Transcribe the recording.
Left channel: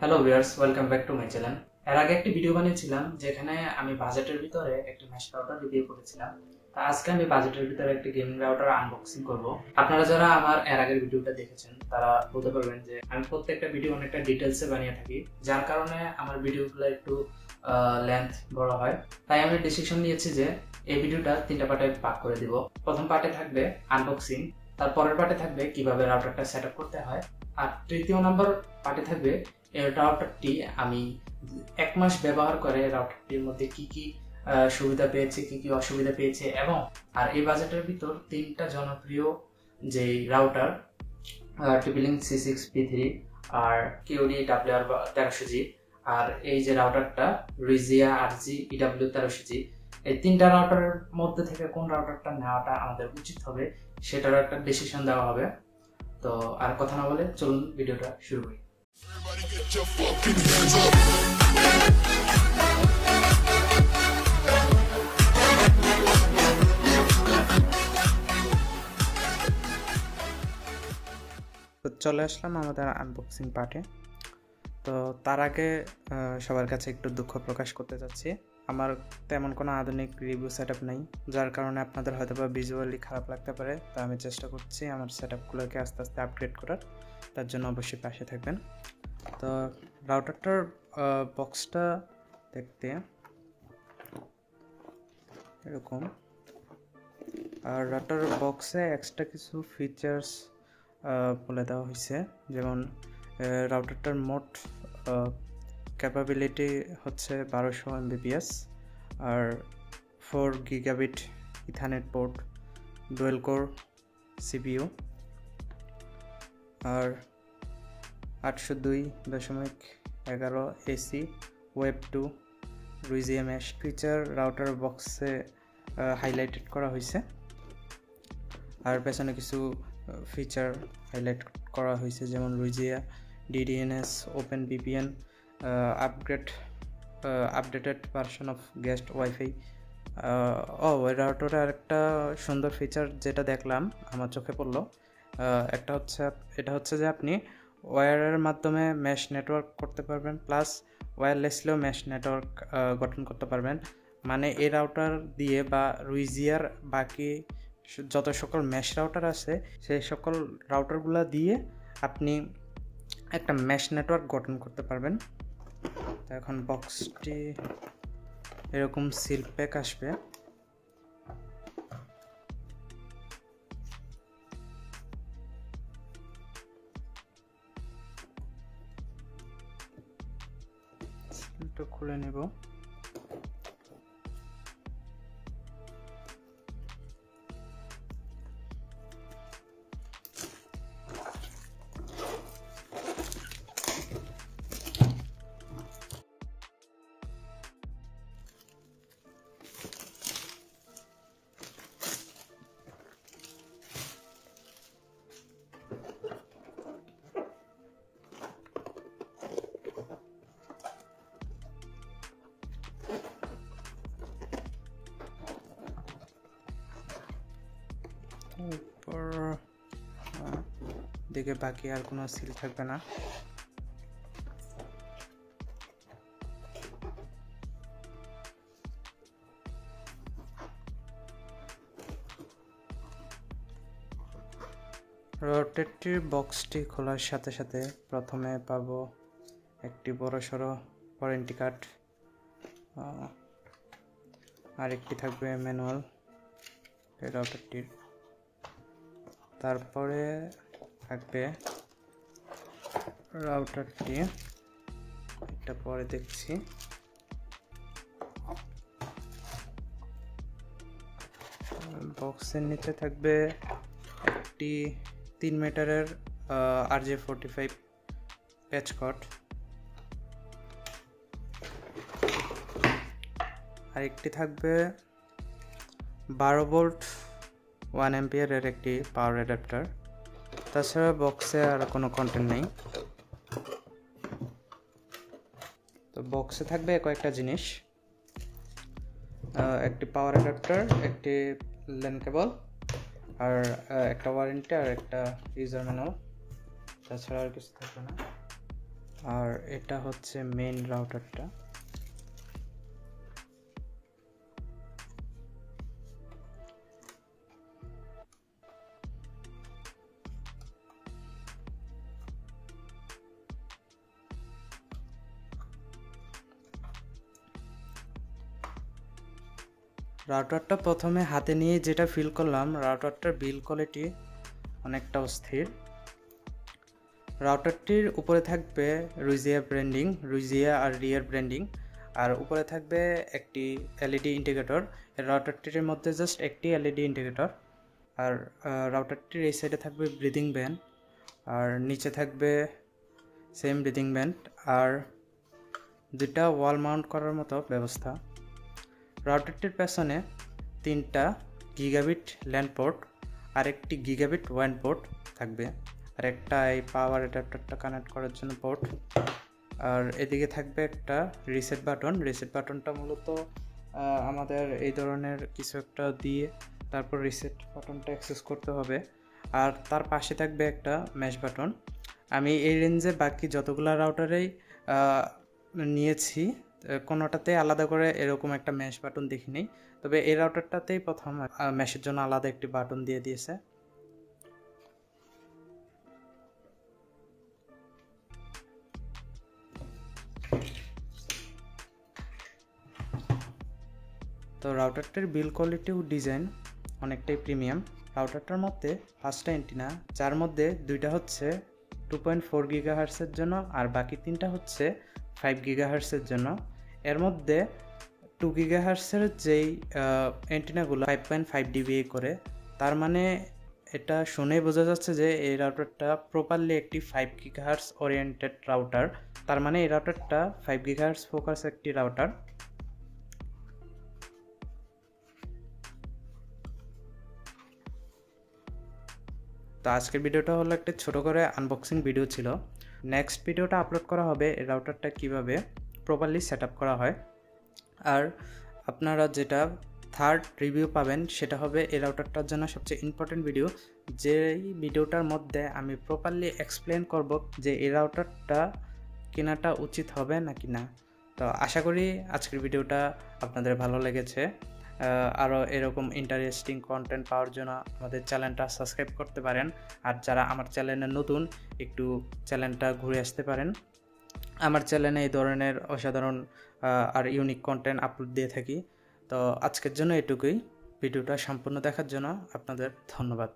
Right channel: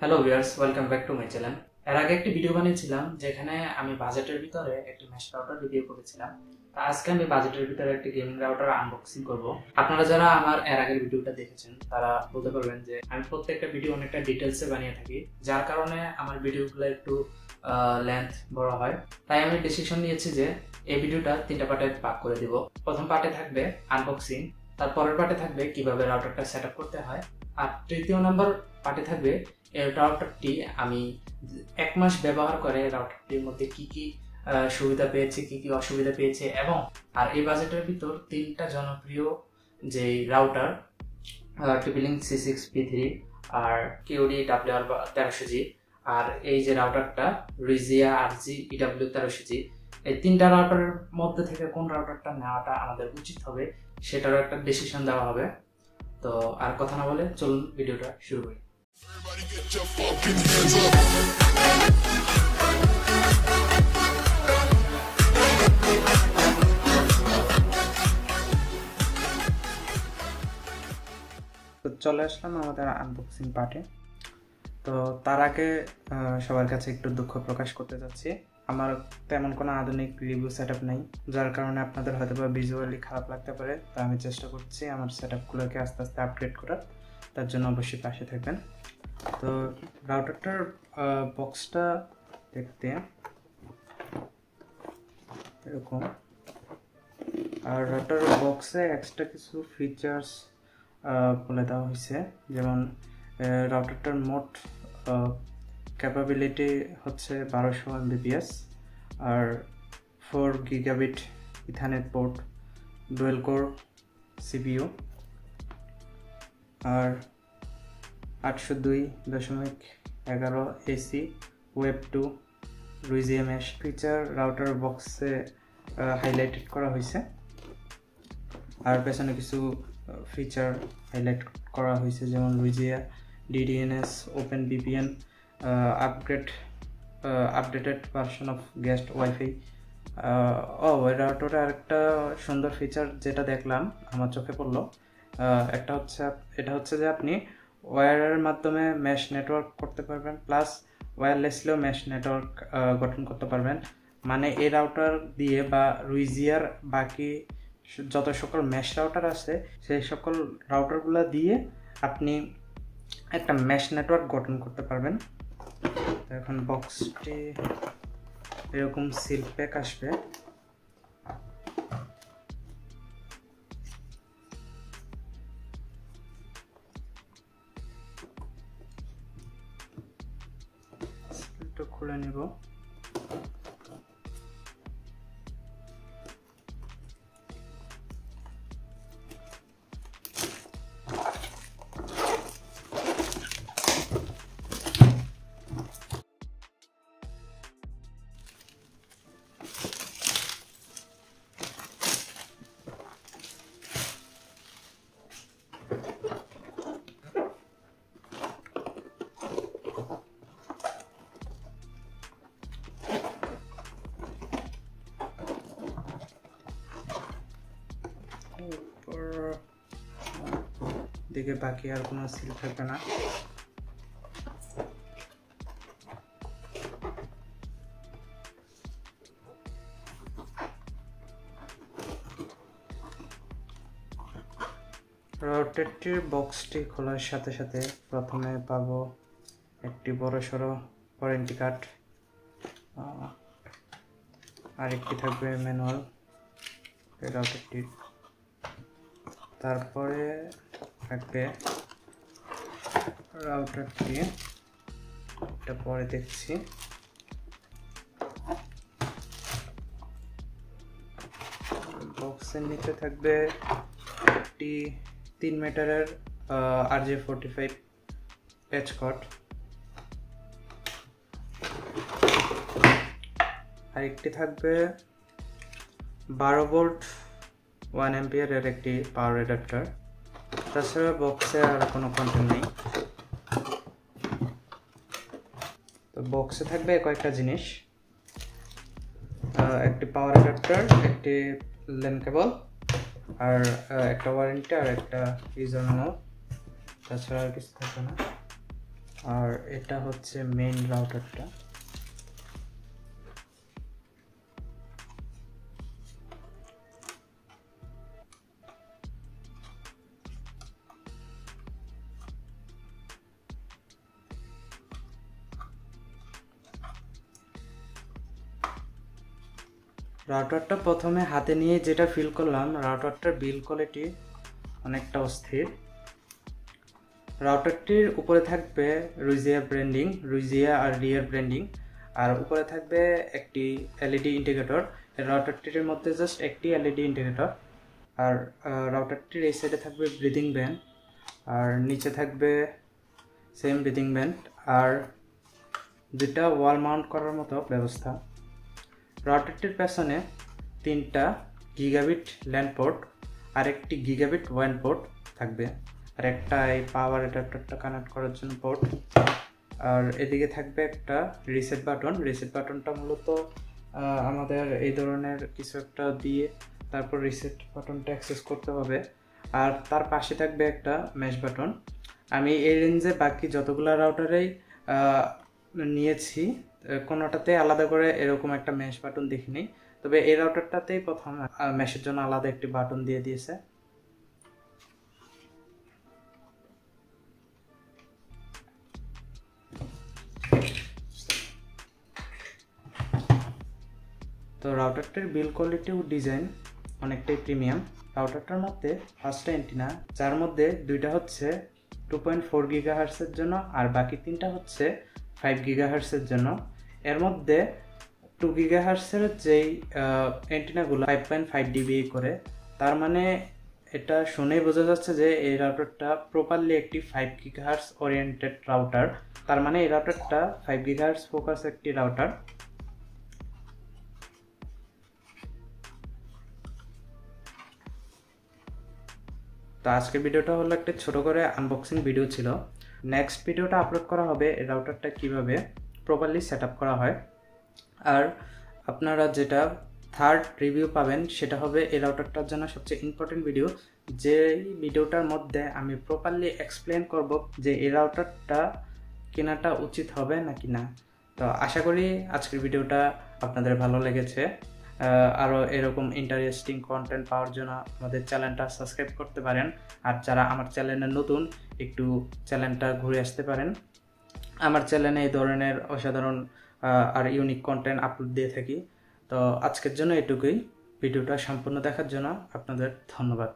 Hello viewers, welcome back to my channel. এর আগে একটি ভিডিও বানিয়েছিলাম যেখানে আমি বাজেটের ভিতরে একটি মেশ রাউটার রিভিউ করেছিলাম। তো আজকে আমি বাজেটের ভিতরে একটি গেমিং রাউটার আনবক্সিং করব। আপনারা যারা আমার এর আগের ভিডিওটা দেখেছেন তারা বলতে পারবেন যে আমি প্রত্যেকটা ভিডিও অনেকটা ডিটেলসে বানিয়ে থাকি, যার কারণে আমার ভিডিওগুলো একটু লেন্থ বড় হয়। তাই আমি ডিসিশন নিয়েছি যে এই ভিডিওটা 3টা পার্টে ভাগ করে দিব। প্রথম পার্টে থাকবে আনবক্সিং, তারপরের পার্টে থাকবে কিভাবে রাউটারটা সেট আপ করতে হয়, আর তৃতীয় নম্বর পার্টে থাকবে এই রাউটারটি আমি 1 মাস ব্যবহার করে রাউটারটির মধ্যে কি কি সুবিধা পেয়েছে, কি কি অসুবিধা পেয়েছে, এবং আর এই বাজেটের ভিতর 3টা জনপ্রিয় যে রাউটার TP-Link C6P3 আর QD WR1300G আর এই যে রাউটারটা Rizia RG EW1300G, এই 3টা রাউটারের মধ্যে থেকে কোন রাউটারটা নেওয়াটা আমাদের উচিত হবে সেটারও একটা ডিসিশন দেওয়া হবে। তো আর কথা না বলে চলুন ভিডিওটা শুরু করি। Everybody get your fucking hands up. তো চলে আসলাম আমাদের আনবক্সিং পার্টে। তো তার আগে সবার কাছে একটু দুঃখ প্রকাশ করতে যাচ্ছি, আমার তেমন কোনো আধুনিক রিভিউ সেট আপ নেই, যার কারণে আপনাদের হয়তো বা ভিজুয়ালি খারাপ লাগতে পারে। তো আমি চেষ্টা করছি আমার সেট আপগুলোকে আস্তে আস্তে আপগ্রেড করার, তার জন্য অবশ্যই পাশে থাকবেন। তো রাউটারটার বক্সটা দেখতে এরকম, আর রাউটার বক্সে এক্সট্রা কিছু ফিচার্স বলে দেওয়া হয়েছে, যেমন রাউটারটার মোট ক্যাপাবিলিটি হচ্ছে 1200 Mbps, আর 4 gigabit ethernet port, dual core CPU, আর 802.11 AC web 2 Rizia mesh feature router বক্সে হাইলাইটেড করা হয়েছে, আর পেছনে কিছু ফিচার হাইলাইট করা হয়েছে, যেমন Rizia DDNS open VPN updated version of guest wifi. ওই রাউটারে আরেকটা সুন্দর ফিচার যেটা দেখলাম আমার চোখে পড়লো, এটা হচ্ছে যে আপনি ওয়্যারের মাধ্যমে মেশ নেটওয়ার্ক করতে পারবেন, প্লাস ওয়্যারলেসলিও মেশ নেটওয়ার্ক গঠন করতে পারবেন। মানে এই রাউটার দিয়ে বা Riziaর বাকি যত সকল মেশ রাউটার আছে সেই সকল রাউটারগুলো দিয়ে আপনি একটা মেশ নেটওয়ার্ক গঠন করতে পারবেন। এখন বক্সটি এরকম সিল প্যাক আসবে, সিলটা খুলে নেব। দিকে বাকি আর কোনো সিল থাকবে না। রাউটারটির বক্সটি খোলার সাথে সাথে প্রথমে পাবো একটি বড়সড় ওয়ারেন্টি কার্ড, আর একটি থাকবে ম্যানুয়াল রাউটারটির, তারপরে থাকবে রাউটারটি, এটা পরে দেখছি। বক্সের নিচে থাকবে একটি 3 মিটারের RJ45 প্যাচ কর্ড, আর একটি থাকবে 12 ভোল্ট 1 অ্যাম্পিয়ারের একটি পাওয়ার অ্যাডাপ্টার। তাছাড়া বক্সে আর কোনো কন্টেন্ট নেই। তো বক্সে থাকবে কয়েকটা জিনিস, একটি পাওয়ার অ্যাডাপ্টার, একটি ল্যান কেবল, আর একটা ওয়ারেন্টি, আর একটা ইউজার ম্যানুয়াল। তাছাড়া আর কিছু থাকবে না। আর এটা হচ্ছে মেইন রাউটারটা। রাউটারটা প্রথমে হাতে নিয়ে যেটা ফিল করলাম, রাউটারটার বিল্ড কোয়ালিটি অনেকটা অস্থির। রাউটারটির উপরে থাকবে রুইজিয়া আর রিয়ার ব্র্যান্ডিং, আর উপরে থাকবে একটি এলইডি ইন্ডিকেটর। রাউটারটির মধ্যে জাস্ট একটি এলইডি ইন্ডিকেটর। আর রাউটারটির এই সাইডে থাকবে ব্রিদিং ব্যান্ড, আর নিচে থাকবে সেম ব্রিদিং ব্যান্ড, আর দুইটা ওয়াল মাউন্ট করার মতো ব্যবস্থা। রাউটারটির পেছনে 3টা গিগাবিট ল্যান্ড পোর্ট আর একটি গিগাবিট ওয়ান পোর্ট থাকবে, আর একটা এই পাওয়ার অ্যাডাপ্টারটা কানেক্ট করার জন্য পোর্ট। আর এদিকে থাকবে একটা রিসেট বাটনটা মূলত আমাদের এই ধরনের কিছু একটা দিয়ে তারপর রিসেট বাটনটা অ্যাক্সেস করতে হবে। আর তার পাশে থাকবে একটা ম্যাশ বাটন। আমি এই রেঞ্জে বাকি যতগুলো রাউটারেই নিয়েছি, কোনোটাতে আলাদা করে এরকম একটা ম্যাশ বাটন দেখিনি, তবে এই রাউটারটাতেই প্রথম ম্যাশের জন্য আলাদা একটি বাটন দিয়ে দিয়েছে। তো রাউটারটার বিল্ড কোয়ালিটি ও ডিজাইন অনেকটাই প্রিমিয়াম। রাউটারটার মধ্যে 5টা এন্টিনা, যার মধ্যে 2টা হচ্ছে 2.4 গিগাহার্টসের জন্য আর বাকি 3টা হচ্ছে 5 গিগাহার্টসের জন্য। এর মধ্যে 2 গিগাহার্টসের যেই এন্টিনাগুলো 5.5 ডিবি করে, তার মানে এটা শুনে বোঝা যাচ্ছে যে এই রাউটারটা প্রপারলি একটি 5 গিগাহার্টস ওরিয়েন্টেড রাউটার। তার মানে এই রাউটারটা 5 গিগাহার্টস ফোকাস একটি রাউটার। তো আজকের ভিডিওটা হলো একটা ছোট করে আনবক্সিং ভিডিও ছিল। নেক্সট ভিডিওটা আপলোড করা হবে এই রাউটারটা কিভাবে প্রপারলি সেট আপ করা হয়। আর আপনারা যেটা থার্ড রিভিউ পাবেন সেটা হবে এই রাউটারটার জন্য সবচেয়ে ইম্পর্টেন্ট ভিডিও, যেই ভিডিওটার মধ্যে আমি প্রপারলি এক্সপ্লেন করব যে এই রাউটারটা কেনাটা উচিত হবে নাকি না। তো আশা করি আজকের ভিডিওটা আপনাদের ভালো লেগেছে। আরও এরকম ইন্টারেস্টিং কন্টেন্ট পাওয়ার জন্য আমাদের চ্যানেলটা সাবস্ক্রাইব করতে পারেন। আর যারা আমার চ্যানেলে নতুন, একটু চ্যানেলটা ঘুরে আসতে পারেন। আমার চ্যানেলে এই ধরনের অসাধারণ আর ইউনিক কন্টেন্ট আপলোড দিয়ে থাকি। তো আজকের জন্য এটুকুই। ভিডিওটা সম্পূর্ণ দেখার জন্য আপনাদের ধন্যবাদ।